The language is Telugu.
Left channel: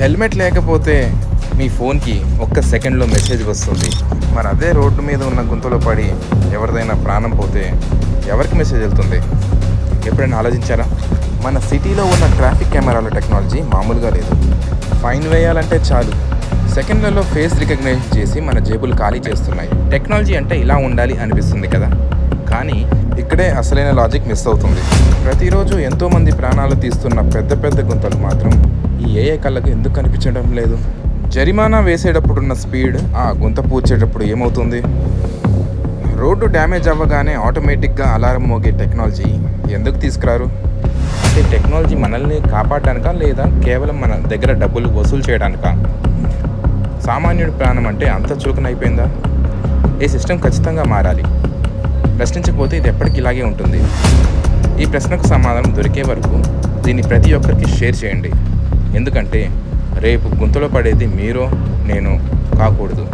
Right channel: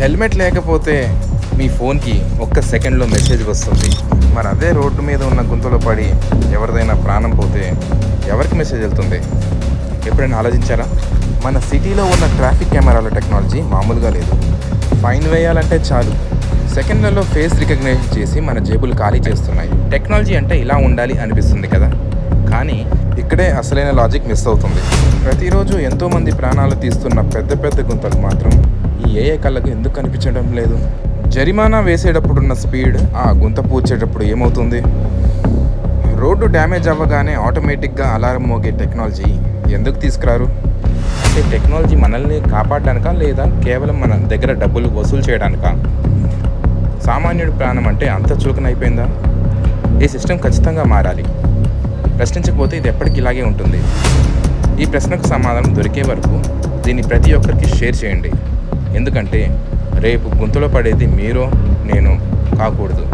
హెల్మెట్ లేకపోతే మీ ఫోన్కి ఒక్క సెకండ్లో మెసేజ్ వస్తుంది. మరి అదే రోడ్డు మీద ఉన్న గుంతలో పడి ఎవరిదైనా ప్రాణం పోతే ఎవరికి మెసేజ్ వెళ్తుంది? ఎప్పుడైనా ఆలోచించారా? మన సిటీలో ఉన్న ట్రాఫిక్ కెమెరాల టెక్నాలజీ మామూలుగా లేదు. ఫైన్ వేయాలంటే చాలు, సెకండ్లలో ఫేస్ రికగ్నిషన్ చేసి మన జేబులు ఖాళీ చేస్తున్నాయి. టెక్నాలజీ అంటే ఇలా ఉండాలి అనిపిస్తుంది కదా, కానీ ఇక్కడే అసలైన లాజిక్ మిస్ అవుతుంది. ప్రతిరోజు ఎంతోమంది ప్రాణాలు తీస్తున్న పెద్ద పెద్ద గుంతలు మాత్రం ఈ ఏఐ కళ్ళకు ఎందుకు కనిపించడం లేదు? జరిమానా వేసేటప్పుడున్న స్పీడ్ ఆ గుంత పూడ్చేటప్పుడు ఏమవుతుంది? రోడ్డు డ్యామేజ్ అవ్వగానే ఆటోమేటిక్గా అలారం మోగే టెక్నాలజీ ఎందుకు తీసుకురారు? అంటే టెక్నాలజీ మనల్ని కాపాడడానికా, లేదా కేవలం మన దగ్గర డబ్బులు వసూలు చేయడానికా? సామాన్యుడి ప్రాణం అంటే అంత చులకనైపోయిందా? ఈ సిస్టమ్ ఖచ్చితంగా మారాలి. ప్రశ్నించకపోతే ఇది ఎప్పటికీ ఇలాగే ఉంటుంది. ఈ ప్రశ్నకు సమాధానం దొరికే వరకు దీన్ని ప్రతి ఒక్కరికి షేర్ చేయండి. ఎందుకంటే రేపు గుంతలో పడేది మీరో నేనో కాకూడదు.